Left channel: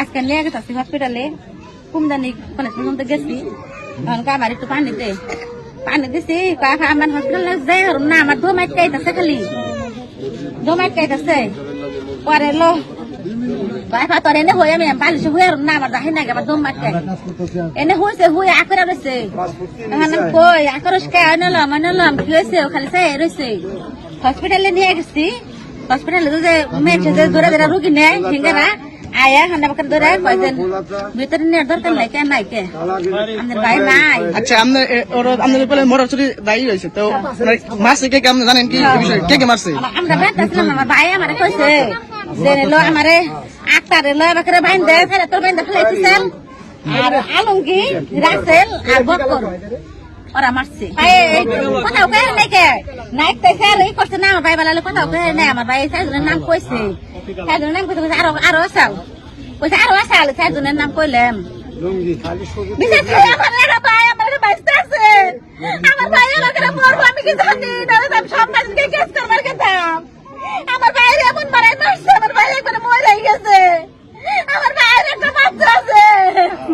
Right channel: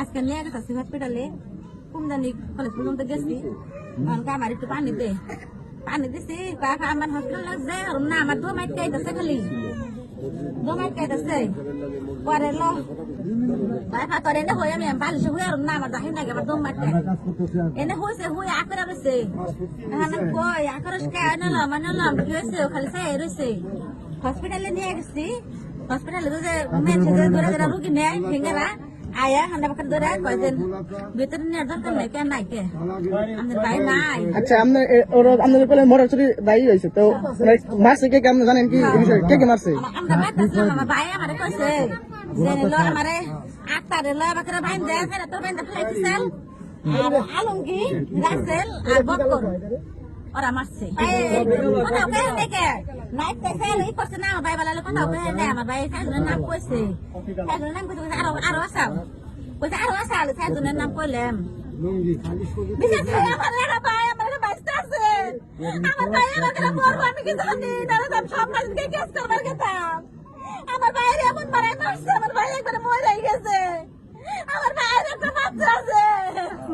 আজকে নিয়ে গেছে হসপিটালে কুমদানি কলেজ পর্যন্ত গেছি আমার একটু পানি দিছি আমার হসপিটাল যাই না আমার ধোমাইট খাইতেছে খালি ধোমাইট খাইতেছে পরে লো বাইফা তোর এনে হয়ে আমি বালিশে হয়ে না আমার যাই না আমার ধোমাইট খাই এনে হয়েছে হয়ে আকরা রয়েছে এখন কই আকরস কে আনলাম কি হয়েছে খালি চাই রয়েছে হসপিটালে নিয়ে গেছি হসপিটালে যে মেয়েছে যে দূরে দূরে রুগী নেয় সিঙ্গারা আয়া হান্ডা বাকার ধরে কয়দিন ভিতরে নেওয়ার দরকার নাই কে নাই কে আমাদের ভাই নাই। আচ্ছা আমাদের বলে মরাচুরি দায়ী হয়েছে তো মারছে কে আপনি জানেন কি কে মারছে? আমরা বেঁচেছিলাম আমার ভাই আমারে কইছে যে লো আমারে আক্তারে লো বাকারে বাইন্দে ফেলে তোর বাইন্দে ফেলাইছিলেন আর আলমগীর রাসেল আর বক্কর ওরা মারছে কোথাও কে নাই কে নাইট তাইছে এই করছে না আমার ভাই বলালে কোথাও কে নাই আমার ভাই সাইজনের নাম কইছে সাইজনের নাম কইছে আরো আসাল কইছে আরো আসাল সাইজনের নাম কইলাম বিশেষ করে আমার ভাই আমার বাইসতে আছে আমার ভাই আমাকে মরবো আমি কি জানি না আমি সমাজকে কেস করবার গেতাম আমার ভাইয়ের এমন মারাই মারছে আমার ভাই একবারে মরে গেছে আমার ভাইয়ের একটা বাচ্চা আছে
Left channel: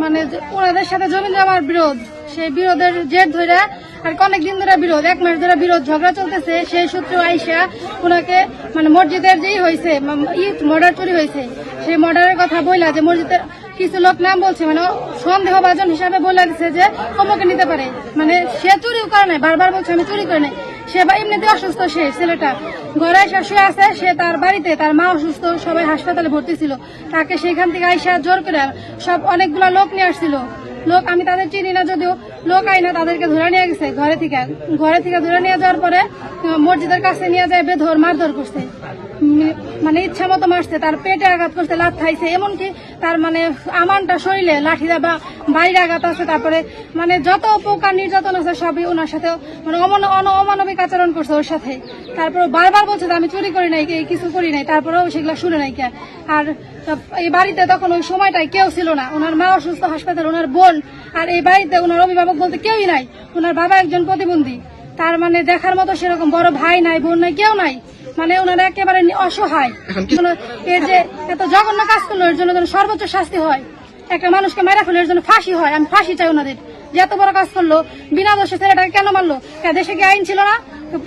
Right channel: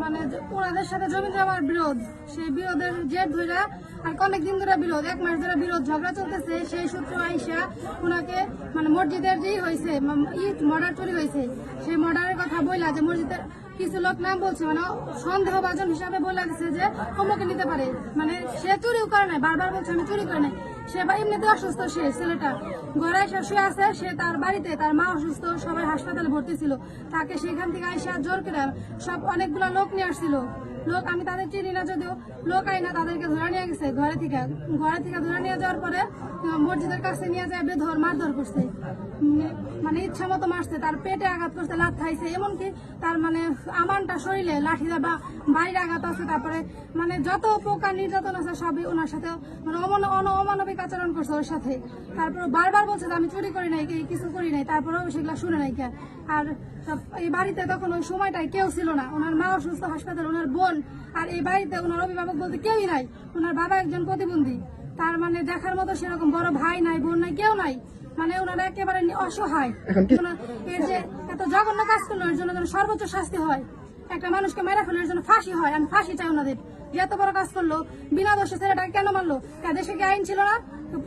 মানে ওনাদের সাথে জমি জমার বিরোধ সেই বিরোধের জের ধরে আর অনেক দিন ধরে বিরোধ 1 মাস ধরে বিরোধ ঝগড়া চলতেছে সেই সূত্রে আইসা ওনাকে মানে মসজিদের যেই হয়েছে মর্ডার চুরি হয়েছে সেই মর্ডারের কথা বইলা যে মসজিদের কিছু লোক নাম বলছে মানে সন্দেহভাজন হিসাবে বলে দিচ্ছে যে অমুকে নিতে পারে মানে সে চুরিও করে নাই বারবার বলছে আমি চুরি করে নাই সে বা এমনিতে অসুস্থ সে ছেলেটা ঘরে এসে শুয়ে আছে সে তার বাড়িতে তার মা অসুস্থ সবাই হাসপাতালে ভর্তি ছিল তাকে সেখান থেকে আইসা জোর করে সব অনেকগুলা লোক নিয়ে আসছিল লোক আমি তাদের চিনি না যদিও লোক আইনা তাদেরকে ধরে নিয়ে গেছে ঘরে থেকে ধরে নিয়ে যাওয়ার পরে মসজিদের কাছে নিয়ে যায় বেধর মারধর করছে মানে ইচ্ছা মতো মারছে তার পেটে আঘাত করছে লাথ খাইছে এমনকি তার মানে আমানটা শরীরে লাঠিদা বা বাইরে আঘাত আছে তারপরে মানে যত প্রকার নির্যাতন আছে সবই ওনার সাথে মানে অমানবিক আচরণ করছে ওর সাথে তারপরে বারবার বলছে যে আমি চুরি করি নাই কিছু করি নাই তারপরেও সেগুলো শুনে নাই কে আর এই বাড়িতে তখন ওই সময়টাই কেউ ছিল না ওনার মা অসুস্থ হাসপাতাল ওনার বোন আর এই বাড়িতে ওনার অভিভাবক বলতে কেউই নাই ওনার বাবা একজন প্রতিবন্ধী তার মানে দেখার মতো সেরকম বড় ভাই নাই বোন নাই কেউ নাই মানে ওনারা একেবারে অসহায় এর যে এত জঘন্য কাজ করলো এর জন্য সর্বোচ্চ শাস্তি হয় একটা মানুষকে মেরা ফেলে এর জন্য ফাঁসি হয় আমি ফাঁসি চাই ওনাদের যে এত বড় কাজ করলো বিনা দোষে ছেলেটাকে কেন মারলো দেশে কি আইন ছিল না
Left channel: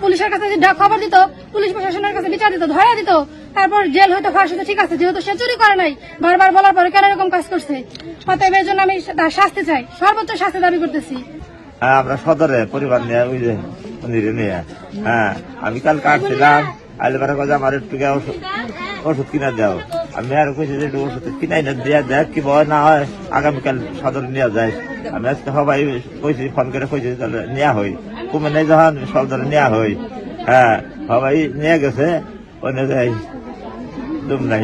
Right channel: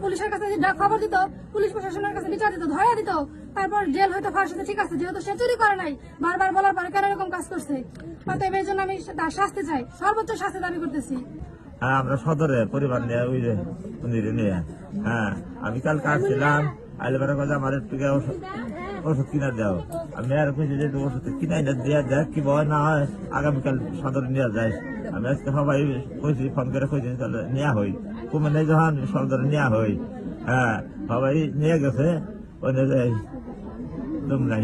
পুলিশের কাছে খবর দিত পুলিশ প্রশাসনের কাছে বিচার দিত ধরা দিত তারপর জেল হয়তো ফাঁসি তো ঠিক আছে যেহেতু সে চুরি করে নাই বারবার বলার পরে কেন এরকম কাজ করছে অতএব এর জন্য আমি তার শাস্তি চাই সর্বোচ্চ শাস্তি দাবি করতেছি। হ্যাঁ আমরা সদরে পরিবার নিয়ে ওই যে মন্দিরে নিয়ে হ্যাঁ আমি কাল কাটছিলাম আইলে বেড়া কাজে আমার একটু ওষুধ কিনা দাও আমি আর কইছি যে ওষুধ কিনাই না দিয়া দেখ কি ভয় না হয় আগামীকাল সদরে নিয়ে যায় আমি আজকে সবাই কইছি ফোন করে কইছি তাহলে নেওয়া হই কমে নেই যখন সদরে নেওয়া হই হ্যাঁ সবাই নিয়ে গেছে ওই যাই দুম নাই